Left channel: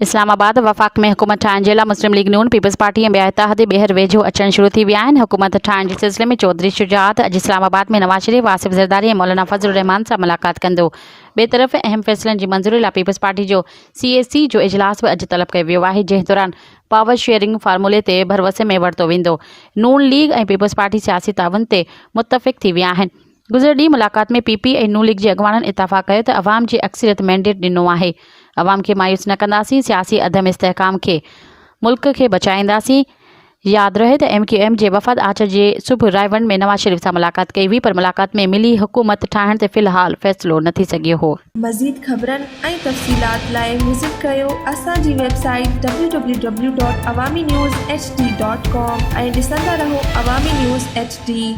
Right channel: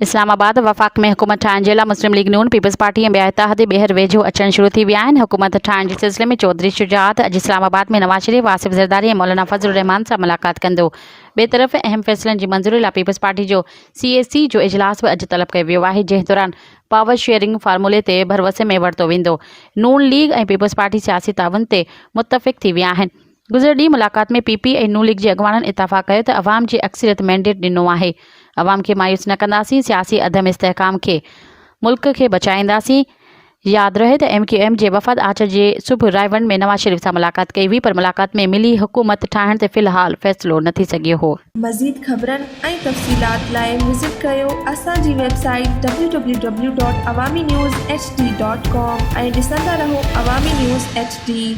इस्लामाबाद वफ़ाक़ में हुकूमत ठाहिण जे लाइ मुस्लिम लीग नून पीपल्स पार्टी ऐं ॿिया इतिहादी ॿीहर वेझो अचणु शुरू थी विया आहिनि। हुकूमत ठाहिण जे सिलसिले में चौधरी शुजात अॼु इस्लामाबाद में नवाज़ शरीफ़, आसिफ ज़रदारी ऐं मौलाना फज़लुर रहमान सां मुलाक़ात कंदो। ॿिए तरफ़ अहम फ़ैसिलनि जी मंज़ूरी लाइ पीपल्स पार्टी जो CAC जो इजलास बि अॼु तलब कयो वियो आहे, जंहिं दौरान पावर शेयरिंग फार्मूले ते भरवसे में वरितो वेंदो। नून लीग ऐं पीपल्स पार्टी सियासी ताउन ते मुतफ़िक़ थी विया आहिनि। गुज़िर ॾींहुं मुलाक़ात में PP ऐं नून लीग जे अॻवाननि इतफ़ाक़ कयो त अवाम जी अक्सरियत मैंडेट ॾिनो आहे। अवाम खे मायूस न कंदासीं, सियासी अदम इस्तेहकाम खे मुल्क खे बचाईंदासीं। यादि रहे त MQM जे वफ़द आचर जे सुबुह रायवन में नवाज़ शरीफ़ सां मुलाक़ात कई हुई, पर मुलाक़ात में मिली हुकूमत ठाहिण ते फ़िलहाल फ़ैसिलो न थी सघियो हो। मज़ीद ख़बरनि ऐं तफ़सीलात लाइ विज़िट कयो असांजी वेबसाइट www.awamiNewsHD.com ऐं ॾिसंदा रहो अवामी न्यूज़ HD।